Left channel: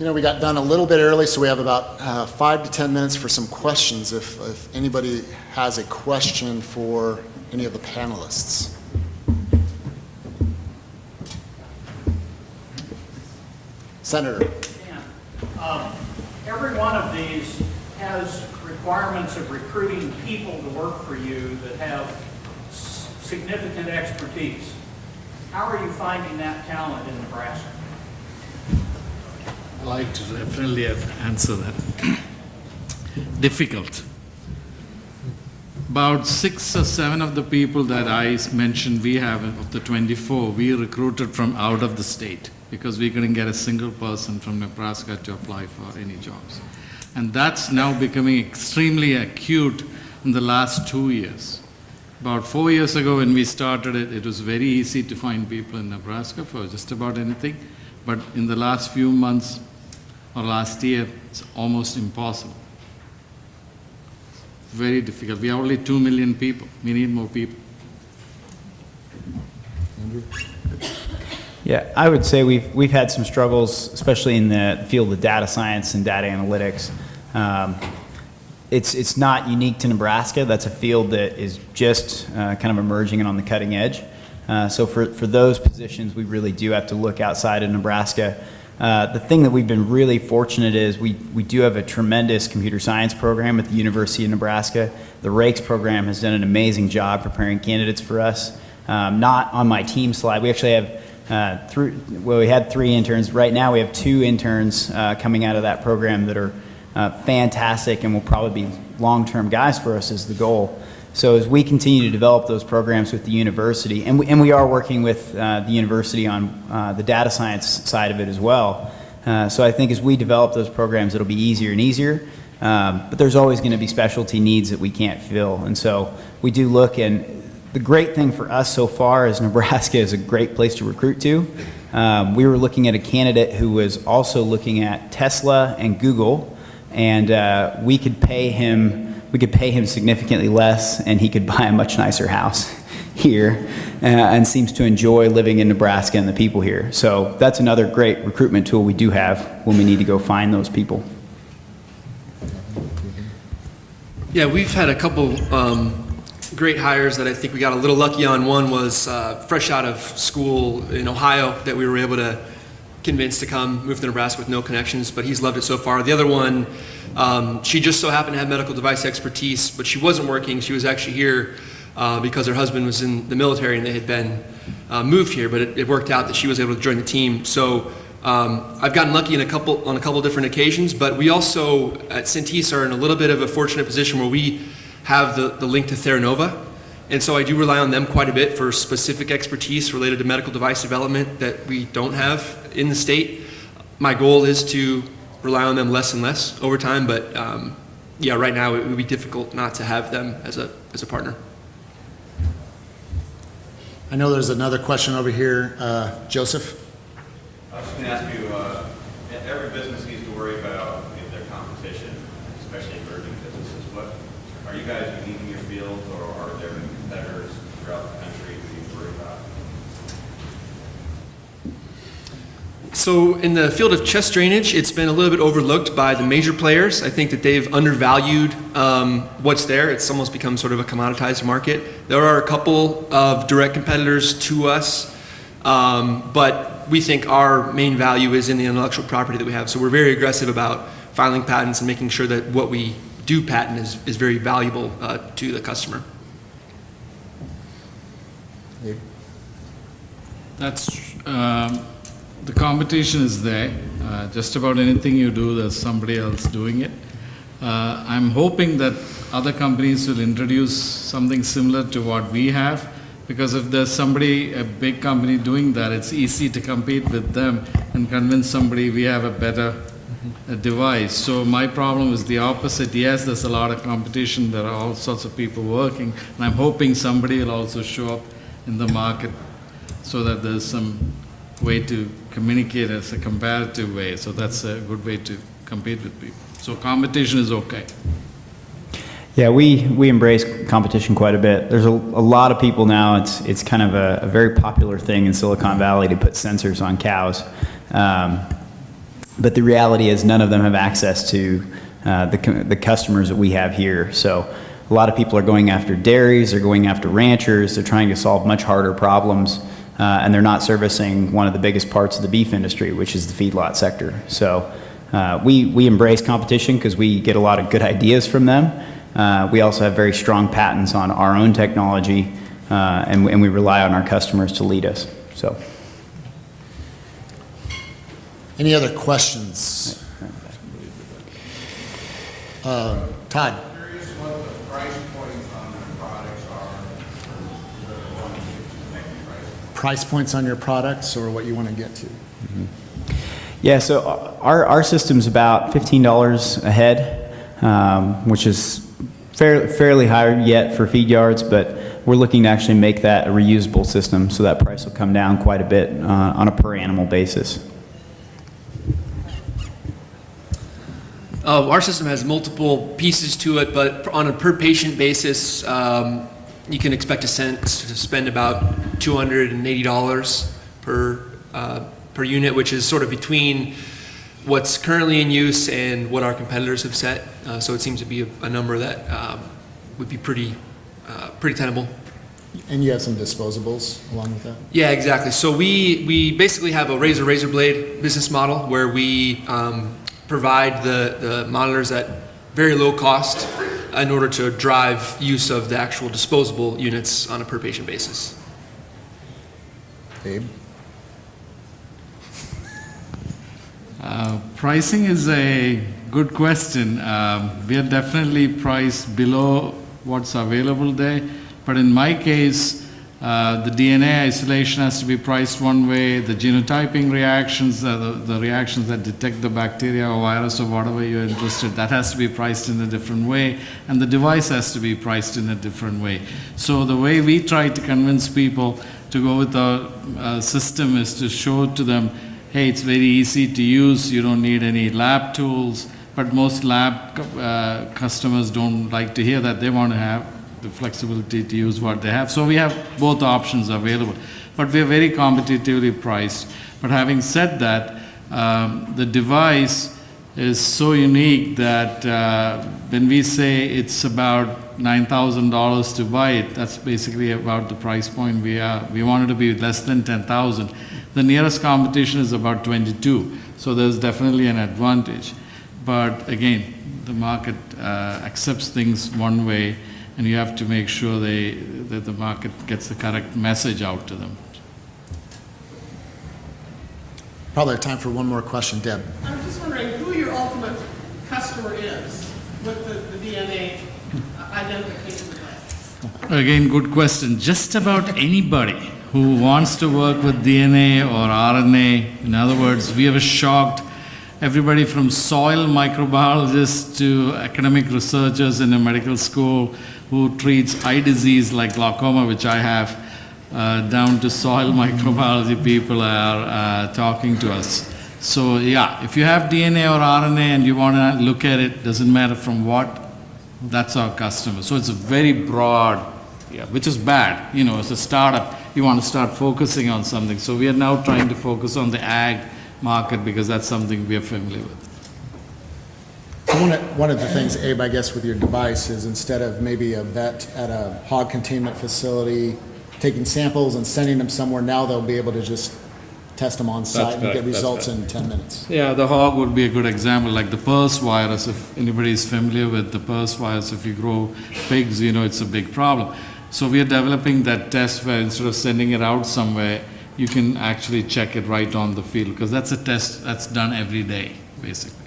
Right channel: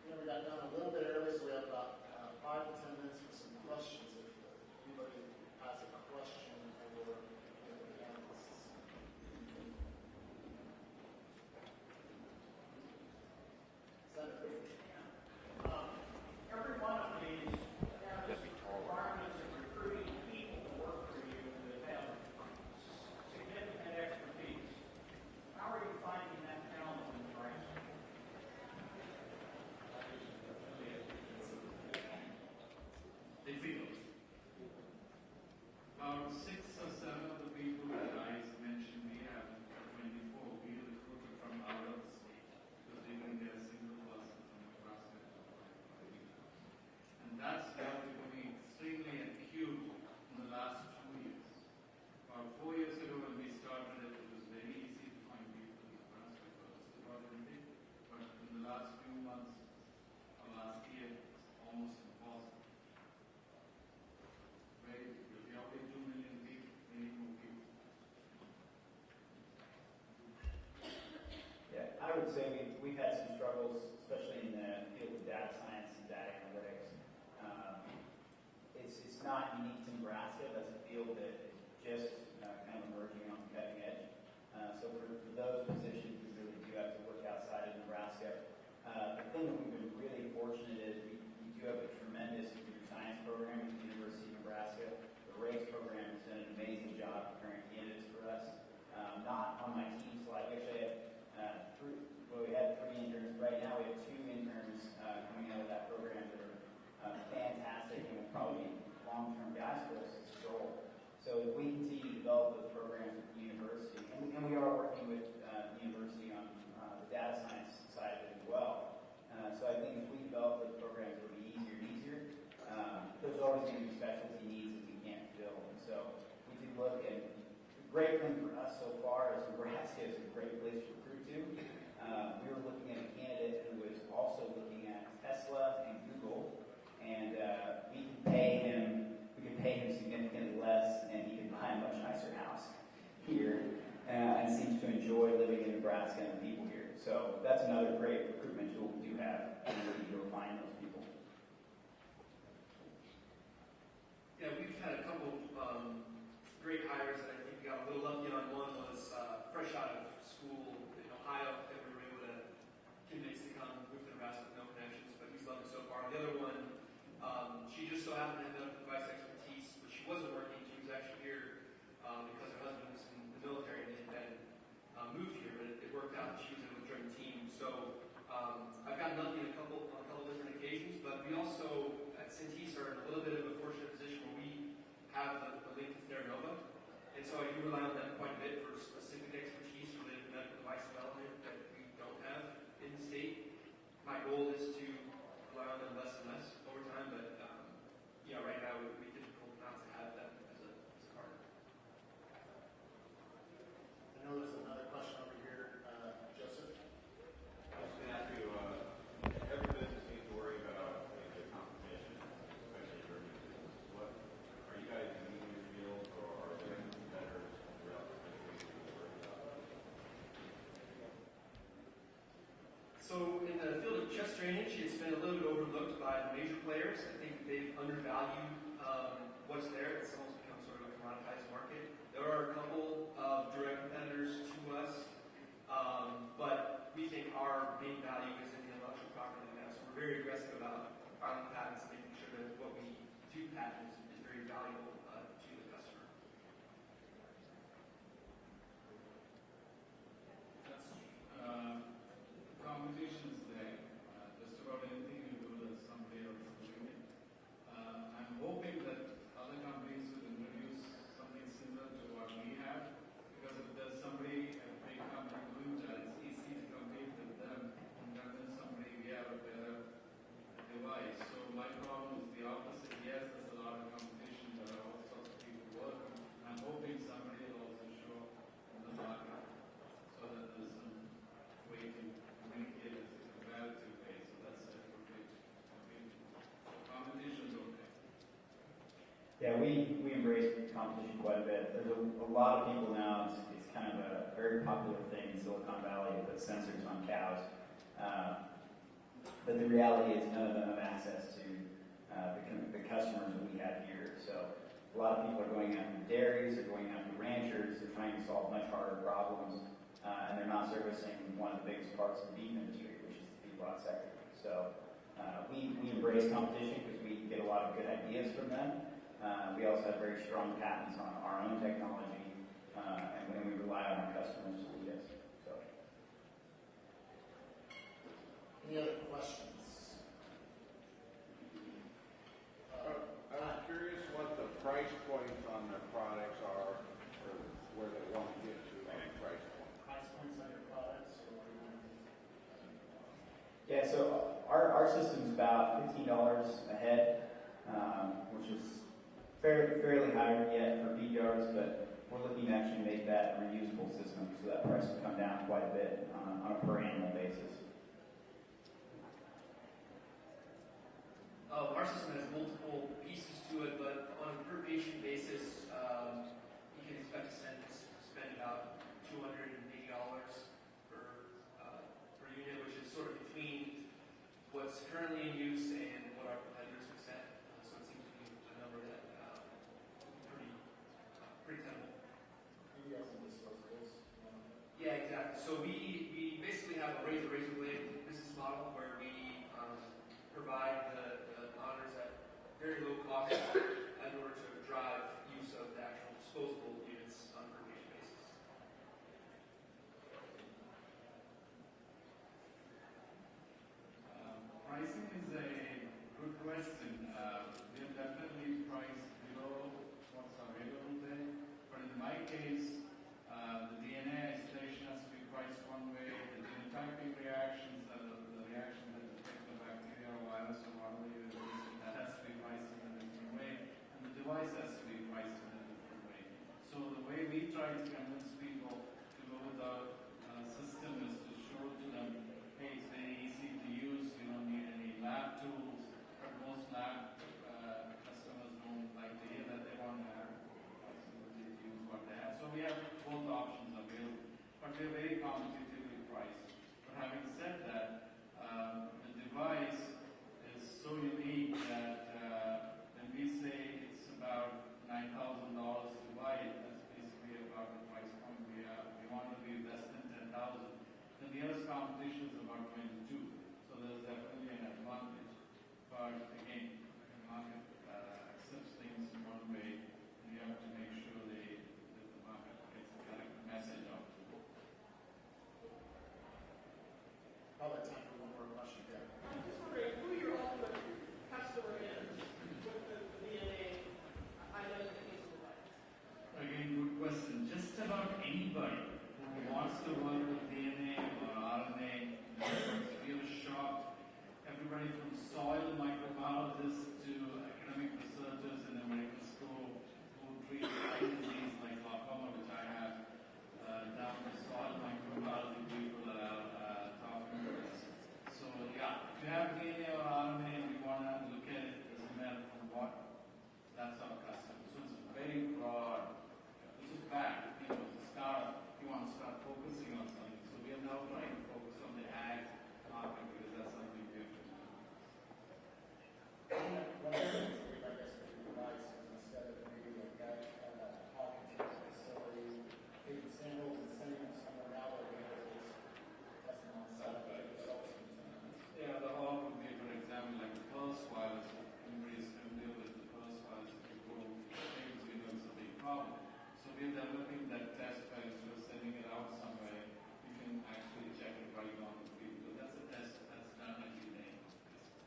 You know, we got done a little bit early, so we have about 5 to 10 minutes for some questions if anybody has a question for any of the panelists. Senator. Every one of these has requirements of recruiting people to work for you that have significant expertise. How are you finding that talent in Nebraska? I'd like to definitely answer that. Difficult. About 6 or 7 of the people that I mentioned we have, of the 24, we recruited from out of the state because we couldn't get a single person from Nebraska to apply for any jobs. And that's now becoming extremely acute in the last 2 years. About 4 years ago when we started it, it was very easy to find people in Nebraska for just about anything. But in the last few months or last year, it's almost impossible. Very difficult. We have only 2 million people. We need more people. Yeah, I would say we've had some struggles, especially in the field of data science and data analytics. It's not unique to Nebraska. That's a field that is just kind of emerging and on the cutting edge. So for those positions, we really do have to look outside of Nebraska. The thing that we've been really fortunate is we do have a tremendous computer science program at the University of Nebraska. The RAKES program has done an amazing job preparing candidates for us. Not on my team slide. We actually have we had 3 interns. Right now we have 2 interns coming out of that program that are fantastic and will probably be long-term guys for us is the goal. So as we continue to develop those programs with the university, and we are working with the university on the data science side of it as well. So I think as we develop those programs, it'll be easier and easier. But there's always going to be specialty needs that we can't fill. And so we do look, and the great thing for us so far is Nebraska is a great place to recruit to. We were looking at a candidate who was also looking at Tesla and Google, and we could pay him significantly less, and he could buy a much nicer house here, and seems to enjoy living in Nebraska and the people here. So that's another great recruitment tool we do have when we need to go find those people. Yeah, we've had a couple great hires that I think we got a little lucky on. One was fresh out of school in Ohio that we were able to convince to come move to Nebraska with no connections, but he's loved it so far. The other one, she just so happened to have medical device expertise, but she wasn't working. She was actually here because her husband was in the military and they had been moved here, but it worked out that she was able to join the team. So I've gotten lucky on a couple different occasions, but we also at Centis are in a little bit of a fortunate position where we have the link to Theranova. And so I do rely on them quite a bit for specific expertise related to medical device development that we don't have in the state. My goal is to rely on them less and less over time, but yeah, right now it would be difficult not to have them as a partner. I know there's another question over here. Joseph? I was going to ask you, every business needs to worry about their competition, especially emerging businesses. What are you guys unique in your field, or are there competitors throughout the country who you worry about? So in the field of chest drainage, it's been a little bit overlooked by the major players. I think that they've undervalued what's there. It's almost become sort of a commoditized market. There are a couple of direct competitors to us, but we think our main value is in the intellectual property that we have. So we're very aggressive about filing patents and making sure that what we do patent is very valuable to the customer. That's the competition is there. Just about anything you do, there's somebody else doing it. I'm hoping that other companies will introduce something similar to what we have, because if there's somebody, a big company doing that, it's easy to compete with them and convince somebody we have a better device. So my problem is the opposite. Yes, there's a lot of competition. There are all sorts of people working, and I'm hoping somebody will also show up in the market so that there's some way to communicate as a comparative way. So that's a good way to compete with people. So competition is okay. Yeah, we embrace competition quite a bit. There's a lot of people now. It's kind of a very popular thing in Silicon Valley to put sensors on cows. But the reality is none of them have access to the customers that we have here. So a lot of people are going after dairies, they're going after ranchers, they're trying to solve much harder problems, and they're not servicing one of the biggest parts of the beef industry, which is the feedlot sector. So we embrace competition because we get a lot of good ideas from them. We also have very strong patents on our own technology, and we rely on our customers to lead us. So. Any other questions? Todd? Curious what the price points on their products are. Price points on your products or what you want to get to? Yeah, so our system's about $15 a head, which is fairly high yet for feed yards, but we're looking to actually make that a reusable system, so that price will come down quite a bit on a per animal basis. Our system has multiple pieces to it, but on a per patient basis, you can expect to spend about $280 per unit, which is sort of between what's currently in use and what our competitors have set. So it seems to be a number that would be pretty tenable. And you have some disposables along with that? Yeah, exactly. So we basically have a razor blade business model where we provide the monitors at very low cost in order to drive use of the actual disposable units on a per patient basis. Abe? Pricing is a good question. We are definitely priced below what's available there, but in my case, the DNA isolation has to be priced one way, the genotyping reactions, the reactions that detect the bacteria or virus or whatever you're interested, that has to be priced in a different way, and the device has to be priced in a different way. So the way we try to convince people to go with our system is to show to them, hey, it's very easy to use, you don't need any lab tools, but most lab customers don't like to hear that. They want to have the flexibility to use what they have. So we have both options available, but we are very competitively priced. But having said that, the device is so unique that when we say it's about $9,000 to buy it, that's basically about the price point we are. We wanted to be less than 10,000. The nearest competition is about 22, so there's definitely an advantage. But again, the market accepts things one way, and you have to make sure that the market gets the correct message out to them. Probably have time for one more question. Deb? I'm just wondering who your ultimate customer is with the DNA identification device. Again, good question. Just about anybody who wants to work with DNA or RNA. In other words, we have shocked everybody from soil microbiologists to academic researchers in a medical school who treats eye disease like glaucoma, which I have, down to soil microbiology people are talking to us. So yeah, if you have DNA or RNA and you want to look at it, doesn't matter from what, that's our customer. So it's a very broad, which is bad. You know, as a startup, you want to start focusing on something. So we are now trying to focus on the ag market because that's something we are familiar with. So one of the things, Abe, I guess, with your device is instead of maybe a vet at a hog containment facility taking samples and sending them somewhere, now they'll be able to just test them on site and get results in 10 minutes. Yeah, the hog would be a good example, like the PRRS virus. If anybody is familiar with the PRRS virus, if you grow pigs, you know it's a big problem. So we are developing that test where instead of sending it out somewhere, you can actually check it right on the field, because that's a test that's done every day, basically.